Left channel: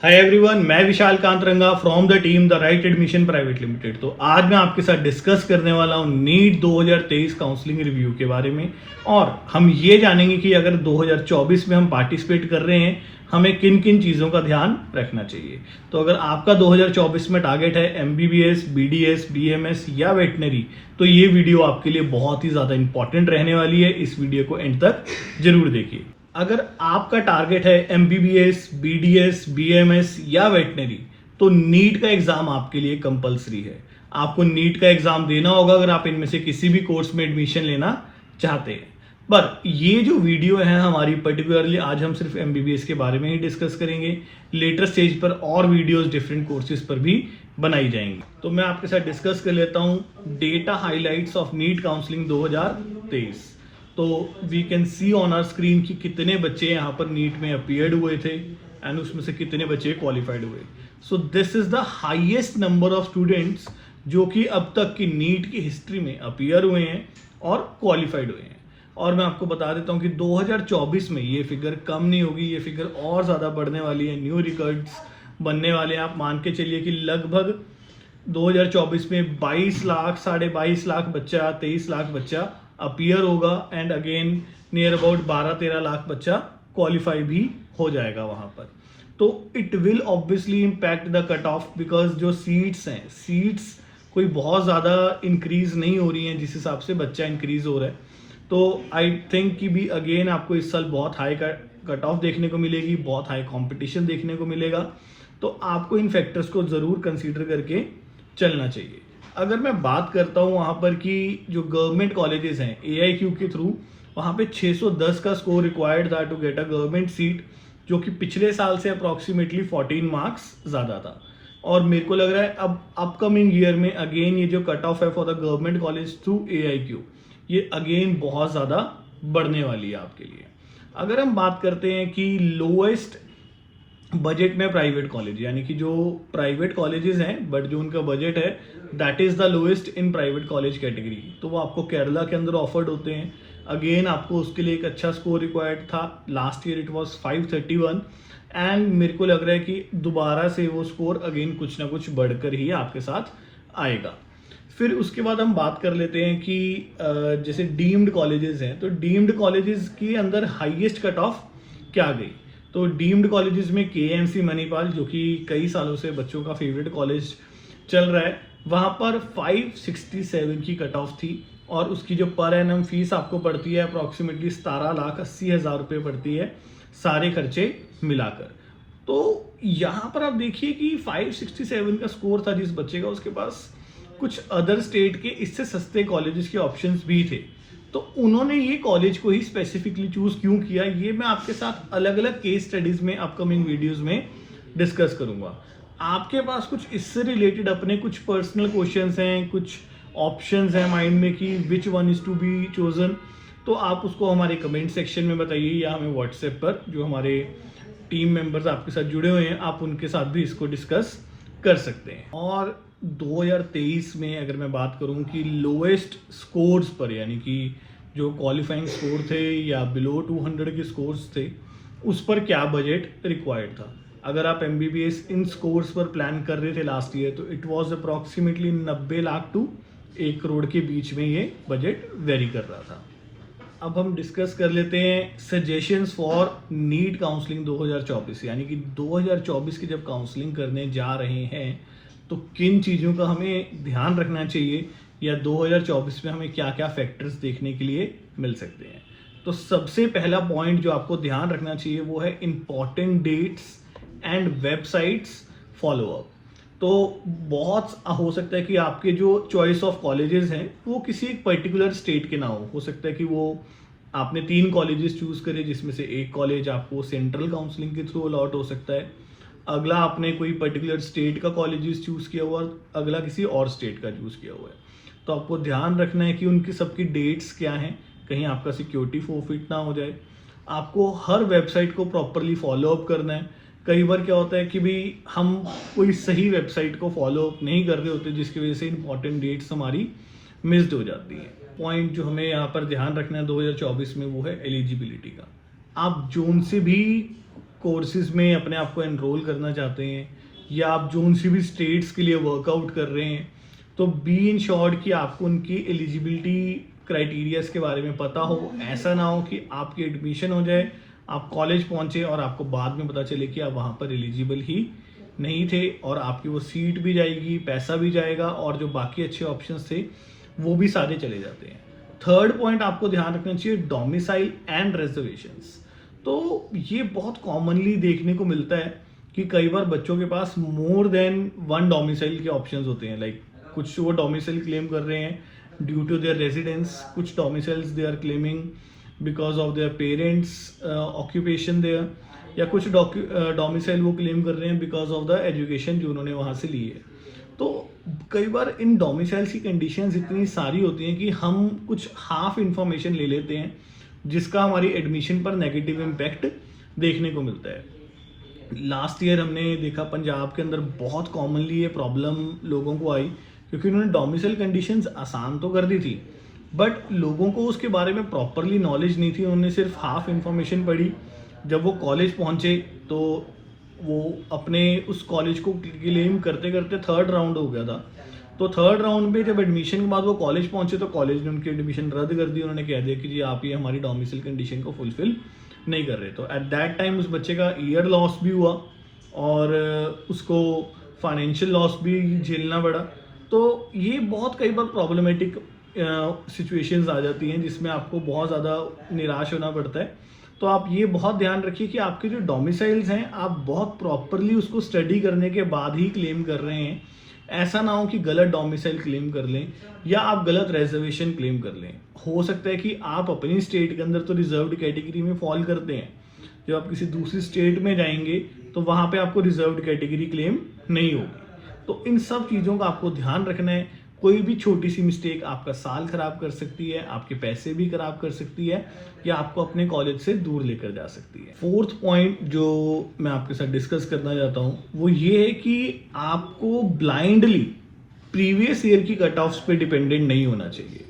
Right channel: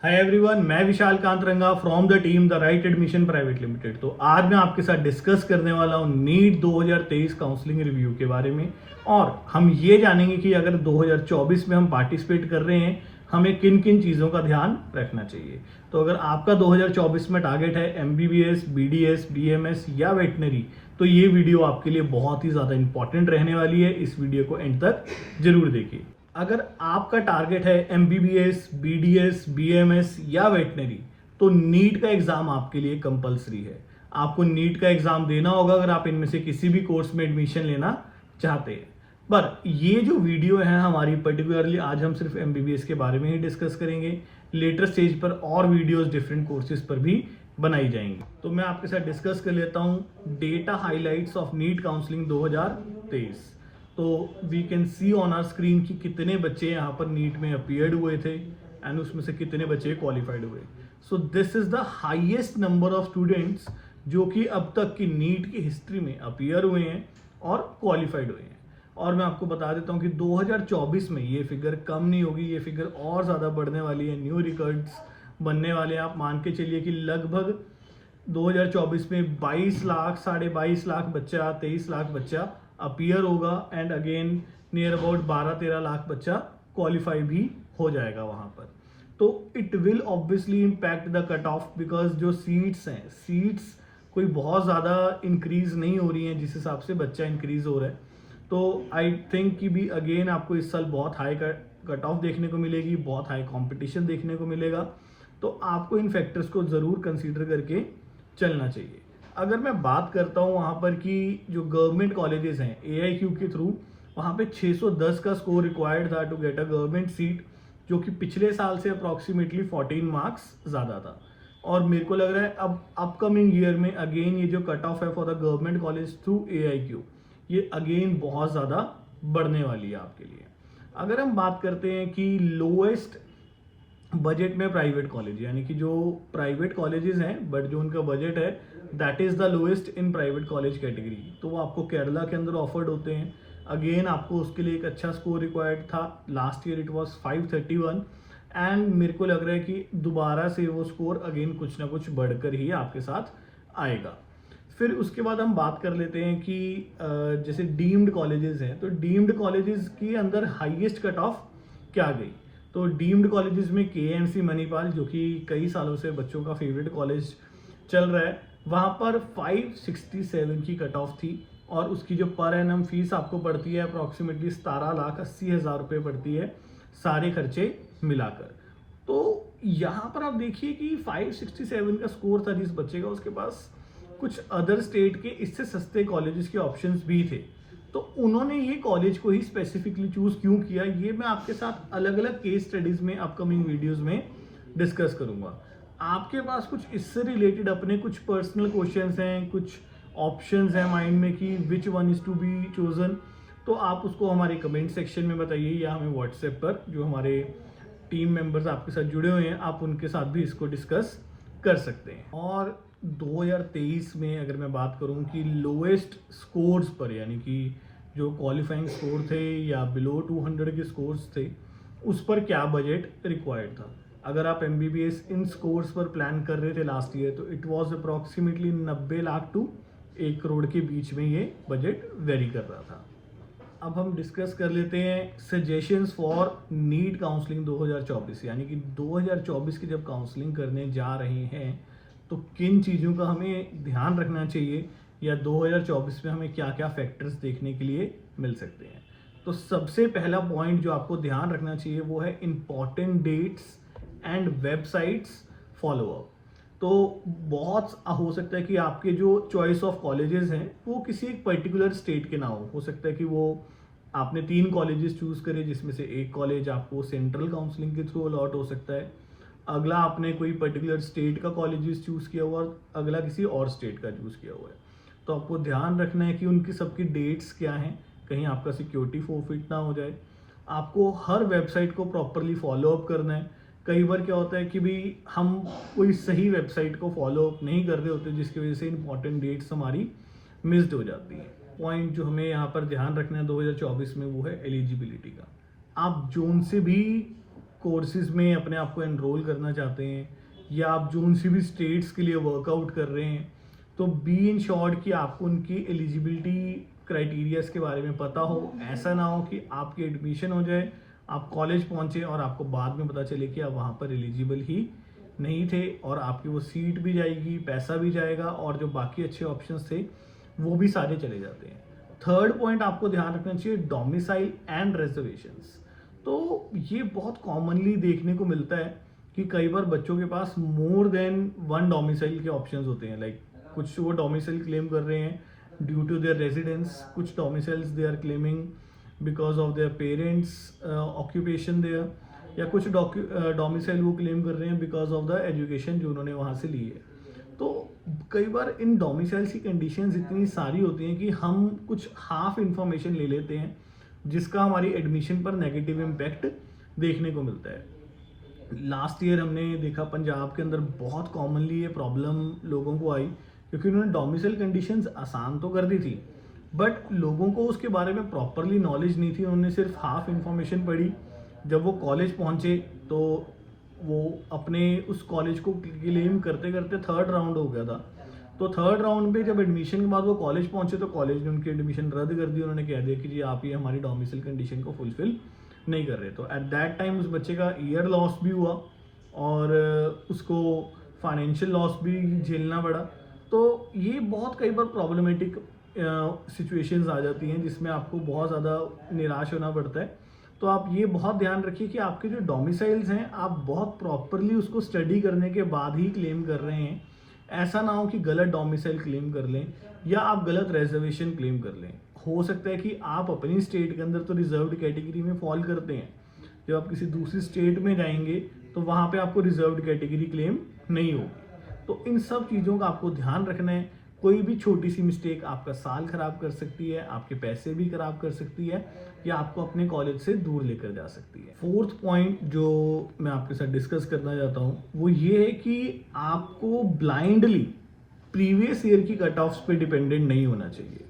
हाय everyone, मैं Vishal Kantaranga from the team the right admission private limited. तो आज मैं आपके साथ डिस्कस करने वाला हूँ नीट 2023 काउंसलिंग रिव्यू के बारे में। और हम ये जानेंगे कि अगर 2024 में हम पार्टिसिपेट कर रहे हैं, हमें किन किन चीज़ों का ध्यान रखना चाहिए। तो अगर आपका 2024 में टारगेट है एमबीबीएस, बीडीएस, बीएमएस या वेटनरी, तो ये वीडियो आपके लिए बहुत ही ज़्यादा इंपॉर्टेंट रहने वाली है। इस वीडियो को एंड तक जरूर देखिए। अगर आपका टारगेट है एमबीबीएस, बीडीएस, बीएमएस या वेटनरी, तो नीट का एग्जाम आपके लिए कंपलसरी है। आपको नीट का एग्जाम देना होगा अगर आप इनमें से किसी भी कोर्स में एडमिशन लेना चाहते हैं। पर ये जो वीडियो है हमारी, पर्टिकुलरली आज हम सिर्फ एमबीबीएस के बारे में ही डिस्कस करेंगे। लेटर स्टेज पर और वीडियोस डिफरेंट कोर्सेज पर भी बनाई जाएंगी। तो मैं आपके साथ डिस्कस कर लेता हूँ data highlights of NEET counselling 2023। तो we can see on our screen कि कितने बच्चे यहाँ पर नीट में अपीयर्ड हुए थे एंड उसमें से कितने बच्चे क्वालिफाइड हुए। So this is the highest number of students जो कि अब तक की नीट की हिस्ट्री में अपीयर हुए हैं और क्वालिफाइड हुए हैं। और मैं आपको बता देता हूँ कि 2024 में ये फिगर कम नहीं होगी, ये फिगर और ज़्यादा बढ़ने वाली है। न्यू रिकॉर्ड्स बनने वाले हैं। आप मान के चलिए कि लगभग 2024 में 22 लाख, 22.5 लाख बच्चा, 23 लाख बच्चा अपीयर होगा and again near about 12-13 lakh बच्चा क्वालिफाई भी हो जाएगा वहां पर। तो it will obviously impact the cut off, because जो सीट्स हैं, सीट्स कोई बहुत ज़्यादा इंक्रीज नहीं हो रही हैं जिस हिसाब से बच्चा इंक्रीज हो रहा है। तो आई थिंक कि भी अगेन आपको इस साल बहुत हाई कट ऑफ देखने को मिलेगी, बहुत हाई कंपटीशन देखने को मिलेगा। तो आपको इन फैक्टर्स को ज़रूर कंसीडर करके चलना चाहिए। अगर मैं बात करता हूँ वहाँ पर कि जो गवर्नमेंट कॉलेजेस हैं AIQ के थ्रू, वहाँ पे 610 का स्कोर रिक्वायर्ड था to get a government seat, जो कि पिछले साल से अप्रॉक्सीमेटली 14 मार्क्स ज़्यादा था। और मेरे को लग रहा है अब अपकमिंग ईयर में अगेन ये जो कट ऑफ है for the government college through AIQ, ये अगेन बहुत ज़्यादा बढ़ने वाली है आपके लिए। अगर हम बात करते हैं कि लोएस्ट बजट में प्राइवेट कॉलेज, यानी कि जो प्राइवेट कॉलेजेस हैं बट जो उनका बजट है that is the lowest in private college category, तो वो आपको केरला के अंदर ऑफर्ड होते हैं। अगेन आपको उसके लिए एक अच्छा स्कोर रिक्वायर्ड था। Last year it was 531 and मेरे को लग रहा है कि दोबारा से वो स्कोर अगेन कुछ ना कुछ बढ़कर ही आपके साथ आएगा। फिर उसके बाद हम बात कर लेते हैं कि जैसे डीम्ड कॉलेजेस हैं, तो डीम्ड कॉलेजेस के अंदर हाईएस्ट कट ऑफ क्या गई। तो डीम्ड कॉलेजेस में KMC मणिपाल, जो कि कई सालों से बच्चों का फेवरेट कॉलेज चल रहा है, वहाँ पर 567 की कट ऑफ थी। और उसकी जो पर एनम फीस आपको पड़ती है अप्रॉक्सीमेटली 17,80,000 रुपये पड़ती है, सारे खर्चे मिलाकर। तो यहाँ पर आप देखिए कि 567 का स्कोर था जिस बच्चे का, उसके पास कुछ अदर स्टेट के इससे सस्ते कॉलेजेस के ऑप्शंस भी थे। तो उन्होंने ये कॉलेज को ही स्पेसिफिकली चूज क्यों किया, ये मैं आपके साथ अलग अलग केस स्टडीज में अपकमिंग वीडियोस में डिस्कस करूंगा। आपके पास कुछ इससे रिलेटेड अपने कुछ पर्सनल क्वेश्चंस हैं, कुछ ऑप्शंस हैं माइंड में कि which one is to be chosen, तो आप उसको हमारे कमेंट सेक्शन में बताइए या हमें व्हाट्सएप पर, जो हमारे टीम मेंबर्स आपके साथ जुड़े हुए हैं, आप उनके साथ भी इसको डिस्कस कर सकते हैं। और 2023 में अगर मैं बात करूं कि लोएस्ट स्कोर्स पर, यानी कि जो क्वालिफाइंग स्कोर थे या बिलो 200 के स्कोर्स थे, उस पर क्या बजट रिक्वायर्ड था। अगर आप MBBS इन स्कोर्स पर प्लान कर रहे थे लास्ट ईयर, तो it was approximately 90 lakh to 1 crore के बीच में ये बजट वेरी कर रहा था। अब हम डिस्कस कर लेते हैं सजेशंस फॉर नीट काउंसलिंग 2024, यानी कि 2024 की जब काउंसलिंग करने जा रहे हैं तो किन चीज़ों का हमें ध्यान रखना चाहिए, या 2024 में हमें क्या क्या फैक्टर्स देखने के लिए मिल सकते हैं। तो सबसे पहला पॉइंट जो आपको ध्यान रखना चाहिए वो है important dates and websites follow up. तो बहुत हो सकता है कि आपके जो चॉइस ऑफ कॉलेजेस हैं वो किसी एक पर्टिकुलर स्टेट के ना हो सकता है कि वो आपने 3 कॉलेजेस चूज करे जिसमें से एक कॉलेज आपको सेंट्रल काउंसलिंग के थ्रू अलॉट हो सकता है, अगला आपने कोई पर्टिकुलर स्टेट का कॉलेजेस चूज किया हुआ, अगला किसी और स्टेट का चूज किया हुआ है। तो आपको ध्यान रखना है कि उनकी सबकी डेट्स क्या हैं, कहीं आपका सिक्योरिटी फोरफिट ना हो जाए। आपको हर वेबसाइट को प्रॉपरली फॉलो अप करना है। कई बार क्या होता है कि भी हम कोई सही वेबसाइट को फॉलो अप नहीं कर रहे होते, जिसकी वजह से इंपॉर्टेंट डेट्स हमारी मिस्ड हो जाती है। पॉइंट जो हमें यहाँ पर ध्यान रखना है 2024 में वो है एलिजिबिलिटी का। आप जोन से भी कोर्सेज में अपने आप को एनरोल करना चाहते हैं या आप जो सी भी स्टेट्स के लिए वर्कआउट कर रहे हैं, तो बी इन शॉर्ट कि आपको उनकी एलिजिबिलिटी क्राइटेरियाज के बारे में पता हो। ऐसा ना हो कि आपकी एडमिशन हो जाए, आप कॉलेज पहुंचे और आपको बाद में पता चले कि आप वहाँ पर एलिजिबल ही नहीं थे और आपकी वो सीट भी जाएगी, पैसा भी जाएगा और जो बाकी अच्छे ऑप्शंस थे वो भी सारे चले जाते हैं। थर्ड पॉइंट आपको ध्यान रखना चाहिए, डोमिसाइल एंड रिजर्वेशंस। तो ये बहुत कॉमनली देखने को मिलता है कि कई बार बच्चों के पास मोर देन वन डोमिसाइल के ऑप्शंस होते हैं। लाइक कुछ वो डोमिसाइल क्लेम कर रहे हैं ड्यू टू देयर रेजिडेंस, कुछ domiciles they are claiming because of their parents occupation there, या कुछ डोमिसाइल वो क्लेम कर रहे हैं बिकॉज ऑफ द एजुकेशन जो उन्होंने वहाँ से ली है। तो कई बार इन डोमिसाइल्स की कंडीशंस इतनी सारी होती हैं कि हम कुछ हाफ इंफॉर्मेशन ले लेते हैं जिसका हमारी एडमिशन पर नेगेटिव इम्पैक्ट देखने को मिलता है। लास्ट ईयर हमने देखा पंजाब के अंदर बहुत कॉमनली ये प्रॉब्लम लोगों को आई क्योंकि उन्होंने डोमिसाइल कंडीशंस आसान तो कर दी थी बट लोगों को उसके बारे में प्रॉपरली नॉलेज नहीं थी, उन्होंने सिर्फ हाफ इंफॉर्मेशन पढ़ी। जब वो कॉलेज पहुंचे तो वो अपने उस कॉलेज को क्लेम करते करते थर्ड राउंड हो गया था। तो थर्ड राउंड में जब एडमिशन के बाद वो कॉलेज पहुंचे तो कॉलेज ने उनकी एडमिशन रद्द कर दी। उन्होंने कह दिया कि जी आप ये हमारी डोमिसाइल कंडीशन को फुलफिल नहीं कर रहे। तो एट दैट टाइम उस बच्चे का ईयर लॉस भी हुआ और उसको फाइनेंशियल लॉस भी झेलना पड़ा। तो ये बहुत कई बार प्रॉब्लमेटिक सिचुएशंस आ जाती हैं जिसमें आपको बहुत ज़्यादा निराश होना पड़ता है। तो आप ये बहुत ध्यान रखिए कि आपके जो डोमिसाइल्स हैं आप बहुत प्रॉपरली उसको स्टडी करने के बाद ही क्लेम कर रहे हैं। ऐसा ना हो कि गलत डोमिसाइल क्लेम कर लें या आप गलत रिजर्वेशन क्लेम कर लें। हो सकता है कि आप अपनी स्टेट के अंदर तो रिजर्व्ड कैटेगरी में फॉल करते हैं, जब आप किसी दूसरी स्टेट में जाएंगे तो वहाँ पे आपको रिजर्व्ड कैटेगरी क्लेम नहीं होगी। तो इन सब चीज़ों का आपको ध्यान रखना है। कोई भी छोटी सी मिस्टेक आपका साल खराब कर सकती है, आपके पैसे भी खराब कर सकती है या आपको अपने कॉलेज से दूर लेकर जा सकती है। फोर्थ पॉइंट जो मैं आपके साथ डिस्कस करना चाहता हूँ वो ये है कि आपको ब्लाइंडली प्रीवियस ईयर की कट ऑफ्स पे डिपेंडेंट नहीं होना चाहिए।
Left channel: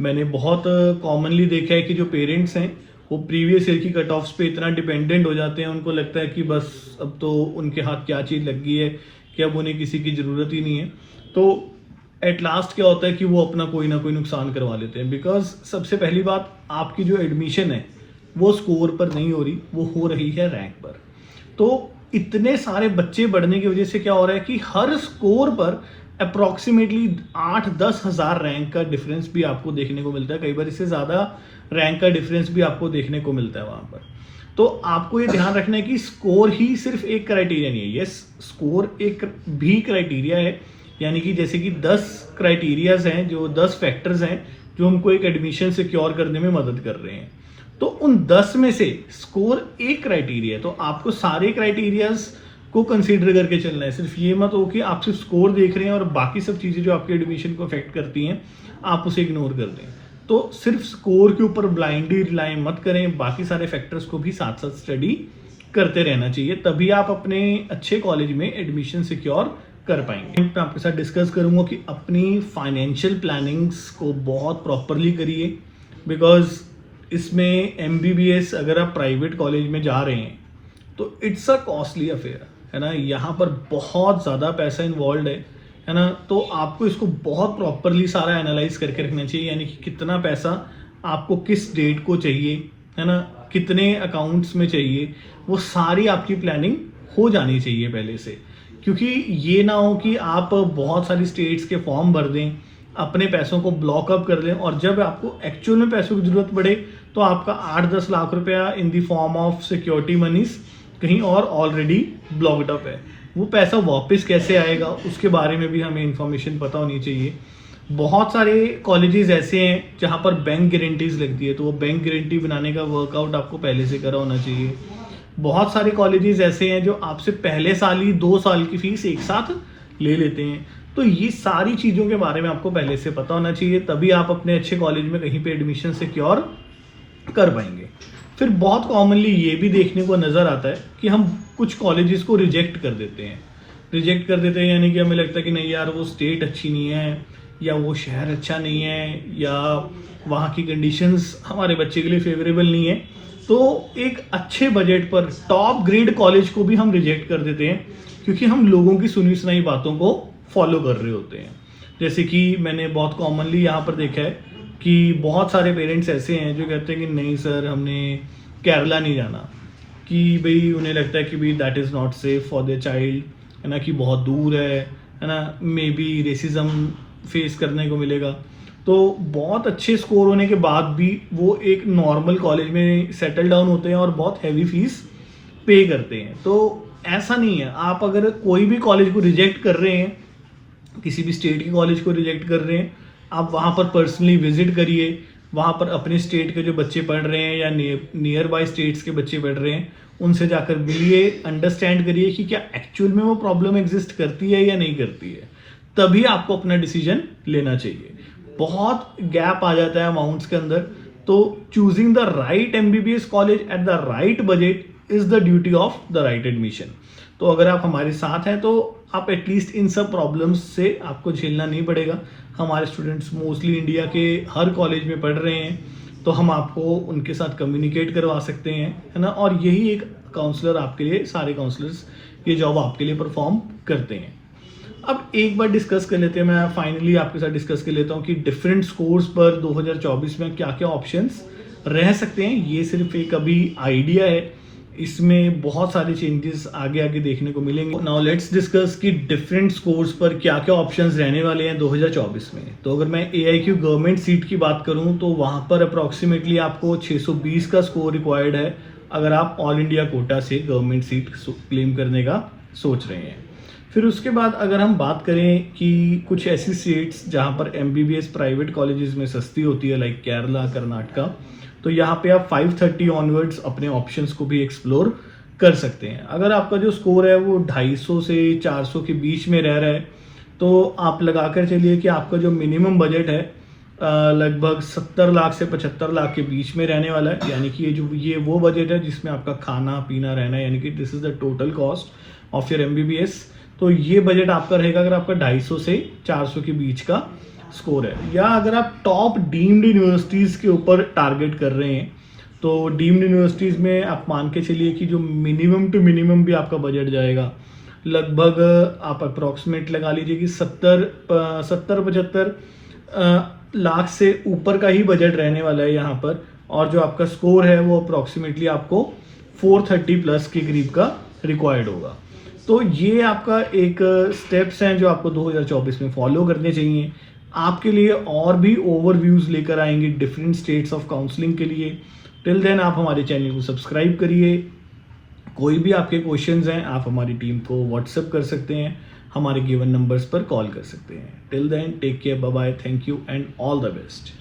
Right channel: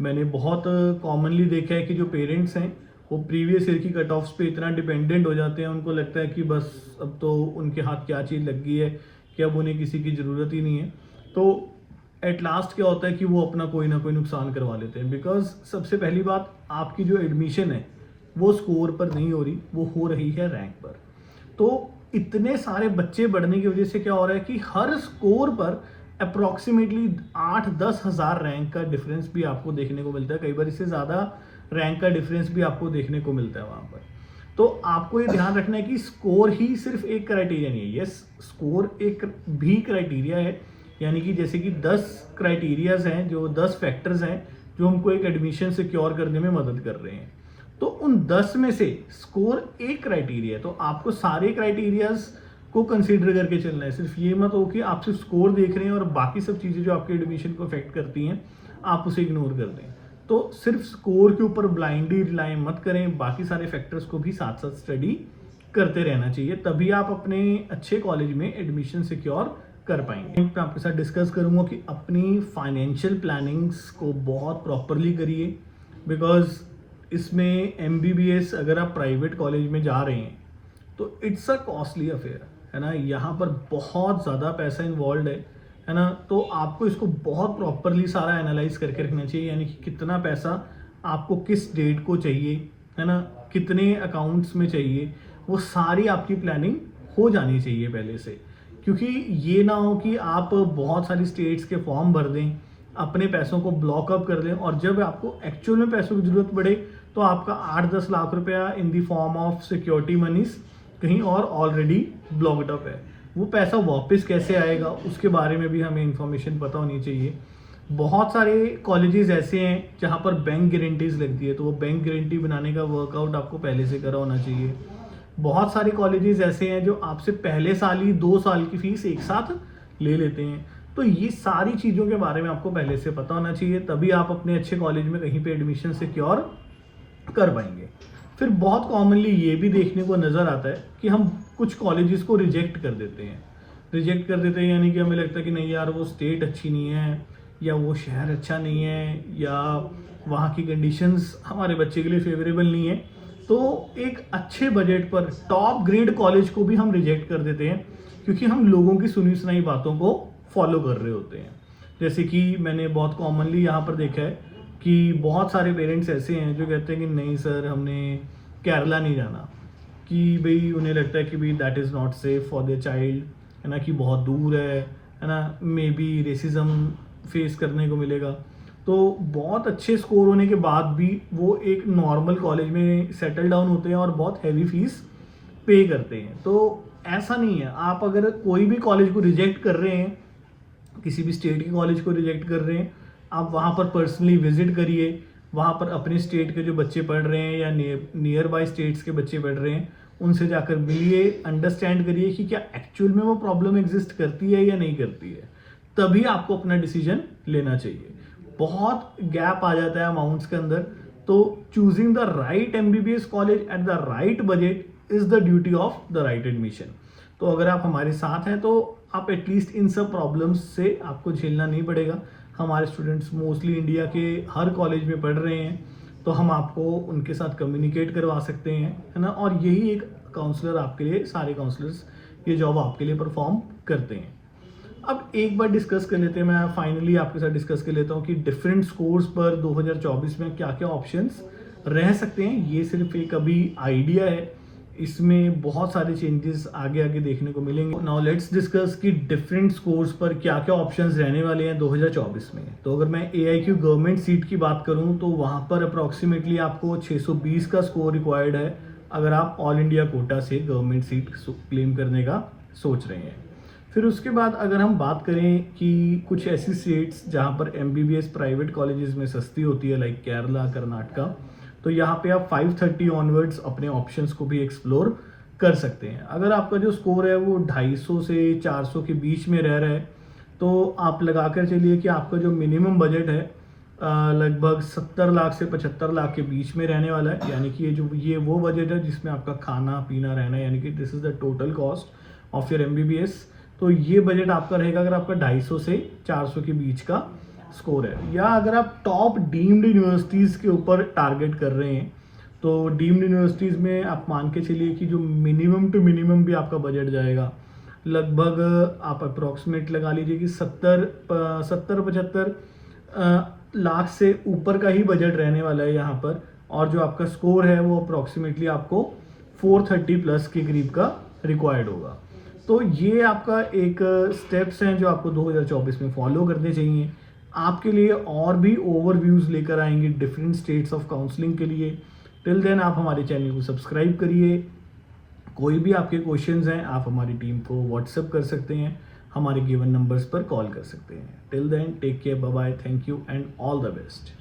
मैंने बहुत कॉमनली देखा है कि जो पेरेंट्स हैं वो प्रीवियस ईयर की कट ऑफ्स पे इतना डिपेंडेंट हो जाते हैं, उनको लगता है कि बस अब तो उनके हाथ क्या चीज़ लग गई है कि अब उन्हें किसी की ज़रूरत ही नहीं है। तो एट लास्ट क्या होता है कि वो अपना कोई ना कोई नुकसान करवा लेते हैं। बिकॉज सबसे पहली बात, आपकी जो एडमिशन है वो स्कोर पर नहीं हो रही, वो हो रही है रैंक पर। तो इतने सारे बच्चे बढ़ने की वजह से क्या हो रहा है कि हर स्कोर पर अप्रॉक्सीमेटली 8-10 हज़ार रैंक का डिफरेंस भी आपको देखने को मिलता है। कई बार इससे ज़्यादा रैंक का डिफरेंस भी आपको देखने को मिलता है वहाँ पर। तो आपको ये ध्यान रखना है कि स्कोर ही सिर्फ एक क्राइटेरिया नहीं है। यस, स्कोर एक भी क्राइटेरिया है, यानी कि जैसे कि 10 क्राइटेरियाज हैं, जो 10 फैक्टर्स हैं जो हमको एक एडमिशन सिक्योर करने में मदद कर रहे हैं। तो उन 10 में से स्कोर एक क्राइटेरिया है, तो आपको सारे क्राइटेरियाज को कंसीडर करके चलना है। सिर्फ ये मत हो कि आप सिर्फ स्कोर देख रहे हैं और बाकी सब चीज़ें जो आपके एडमिशन को अफेक्ट करती हैं आप उसे इग्नोर कर दें। तो सिर्फ स्कोर के ऊपर ब्लाइंडली रिलाई मत करें, बाकी सारे फैक्टर्स को भी साथ साथ स्टडी करते रहना चाहिए, तभी आप अपने अच्छे कॉलेज में एडमिशन सिक्योर कर पाएंगे। मैं आपके साथ डिस्कस करूंगा कि अपनी फाइनेंशियल प्लानिंग्स को बहुत प्रॉपरली करिए। बिकॉज इसमें MBBS अगर आप प्राइवेट कॉलेज में जा रहे हैं तो इट्स अ कॉस्टली अफेयर है ना, यहाँ पर बहुत ज़्यादा पैसा इन्वॉल्व है ना। तो आपको इसको बहुत प्रॉपरली सारा एनालाइज करके रखना चाहिए, यानी कि कितना पैसा आपको किस डेट को चाहिए है ना, कितने अकाउंट्स में चाहिए, वो सारी आपकी प्लानिंग हो जानी चाहिए पहले से। क्योंकि ये ना हो कि आप बहुत सारी स्टेट्स के फॉर्म भर दें, अपने पैसों को ब्लॉक अप कर लें और जब आपको एक्चुअल में पैसों की ज़रूरत पड़े तो आपका 8-10 लाख रुपया इन दी फॉर्म ऑफ सिक्योरिटी मनीज कहीं और ऑलरेडी ब्लॉक्ड अप है। वो पैसा वापस कैसे आएगा उसके बारे में भी हमें इंफॉर्मेशन पता होनी चाहिए। बहुत सारे कॉलेजेस ऐसे हैं जहाँ पर बैंक गारंटीज लगती है, तो वो बैंक गारंटी बनाने का वर्कआउट आपको पहले से करा होना चाहिए। बहुत सारे कॉलेजेस ऐसे हैं जो आपसे पहले साल ही 2 साल की फीस एक साथ ले लेते हैं। तो ये सारी चीज़ों के बारे में आपको पहले से पता होना चाहिए, तभी आप अपने अच्छे कॉलेज में कहीं पे एडमिशन सिक्योर कर पाएंगे। फिर बहुत कॉमनली ये भी देखने को नज़र आता है कि हम कुछ कॉलेजेस को रिजेक्ट कर देते हैं, यानी कि हमें लगता है कि नहीं यार वो स्टेट अच्छी नहीं है या वो शहर अच्छा नहीं है या वहाँ की कंडीशंस हमारे बच्चे के लिए फेवरेबल नहीं है, तो एक अच्छे बजट पर टॉप ग्रेड कॉलेज को भी हम रिजेक्ट कर देते हैं, क्योंकि हम लोगों की सुनी सुनाई बातों को फॉलो कर रहे होते हैं। जैसे कि मैंने बहुत कॉमनली यहाँ पर देखा है कि बहुत सारे पेरेंट्स ऐसे हैं जो कहते हैं कि नहीं सर, हमने केरला नहीं जाना, कि भाई उन्हें लगता है कि भाई that is not safe for their child, है ना, कि बहुत दूर है ना, मे बी रेसिज्म फेस करने को मिलेगा। तो बहुत अच्छे स्कोर होने के बाद भी वो एक नॉर्मल कॉलेज में सेटल डाउन होते हैं और बहुत हैवी फीस पे करते हैं। तो ऐसा नहीं है, आप अगर कोई भी कॉलेज को रिजेक्ट कर रहे हैं, किसी भी स्टेट के कॉलेज को रिजेक्ट कर रहे हैं, आप वहाँ पर पर्सनली विजिट करिए, वहाँ पर अपने स्टेट के जो बच्चे पढ़ रहे हैं या नियर बाय स्टेट्स के बच्चे पढ़ रहे हैं, उनसे जाकर मिलिए, अंडरस्टैंड करिए कि क्या एक्चुअल में वो प्रॉब्लम एग्जिस्ट करती है या नहीं करती है, तभी आपको अपना डिसीजन लेना चाहिए। बहुत गैप आ जाता है अमाउंट्स के अंदर, तो choosing the right MBBS college at the right budget is the duty of the right admission. तो अगर आप हमारे साथ हैं तो आप एटलीस्ट इन सब प्रॉब्लम्स से आपको झेलना नहीं पड़ेगा। हमारे स्टूडेंट्स मोस्टली इंडिया के हर कॉलेज में पढ़ रहे हैं, तो हम आपको उनके साथ कम्युनिकेट करवा सकते हैं, है ना। और यही एक काउंसलर आपके लिए, सारे काउंसलर्स ये जॉब आपके लिए परफॉर्म करते हैं। अब एक बार डिस्कस कर लेते हैं, मैं फाइनली आपके साथ डिस्कस कर लेता हूँ कि डिफरेंट स्कोर्स पर 2024 में क्या क्या ऑप्शंस रह सकते हैं। ये सिर्फ एक अभी आइडिया है, इसमें बहुत सारे चेंजेस आगे आगे देखने को मिलेंगे। नाउ लेट्स डिस्कस कि डिफरेंट स्कोर्स पर क्या क्या ऑप्शंस रहने वाले हैं 2024 में। तो अगर मैं AIQ गवर्नमेंट सीट की बात करूं तो वहां पर अप्रॉक्सीमेटली आपको 620 का स्कोर रिक्वायर्ड है, अगर आप ऑल इंडिया कोटा से गवर्नमेंट सीट क्लेम करने का सोच रहे हैं। फिर उसके बाद अगर हम बात करें कि कुछ ऐसी स्टेट्स जहां पर MBBS प्राइवेट कॉलेजेस में सस्ती होती है, लाइक केरला, कर्नाटका, तो यहाँ पे आप 530 ऑनवर्ड्स अपने ऑप्शंस को भी एक्सप्लोर कर सकते हैं। अगर आपका जो स्कोर है वो 250 से 400 के बीच में रह रहा है, तो आप लगा कर चलिए कि आपका जो मिनिमम बजट है लगभग 70 लाख से 75 लाख के बीच में रहने वाला है। यानी कि ये वो बजट है जिसमें आपका खाना पीना रहना है, यानी कि this is the total cost of your MBBS। तो ये बजट आपका रहेगा अगर आपका 250 से 400 के बीच का स्कोर है। या अगर आप टॉप डीम्ड यूनिवर्सिटीज़ के ऊपर टारगेट कर रहे हैं, तो डीम्ड यूनिवर्सिटीज़ में आप मान के चलिए कि जो मिनिमम टू मिनिमम भी आपका बजट जाएगा, लगभग आप अप्रॉक्सीमेट लगा लीजिए कि 70-75 लाख से ऊपर का ही बजट रहने वाला है यहाँ पर। और जो आपका स्कोर है वो अप्रॉक्सीमेटली आपको 430 प्लस के करीब का रिक्वायर्ड होगा। तो ये आपका एक स्टेप्स हैं जो आपको 2024 में फॉलो करने चाहिए। आपके लिए और भी ओवरव्यूज लेकर आएंगे डिफरेंट स्टेट्स ऑफ काउंसलिंग के लिए। टिल देन आप हमारे चैनल को सब्सक्राइब करिए। कोई भी आपके क्वेश्चंस हैं आप हमारी टीम को व्हाट्सएप कर सकते हैं, हमारे गिवन नंबर्स पर कॉल कर सकते हैं। Till then take care, bye bye, thank you and all the best.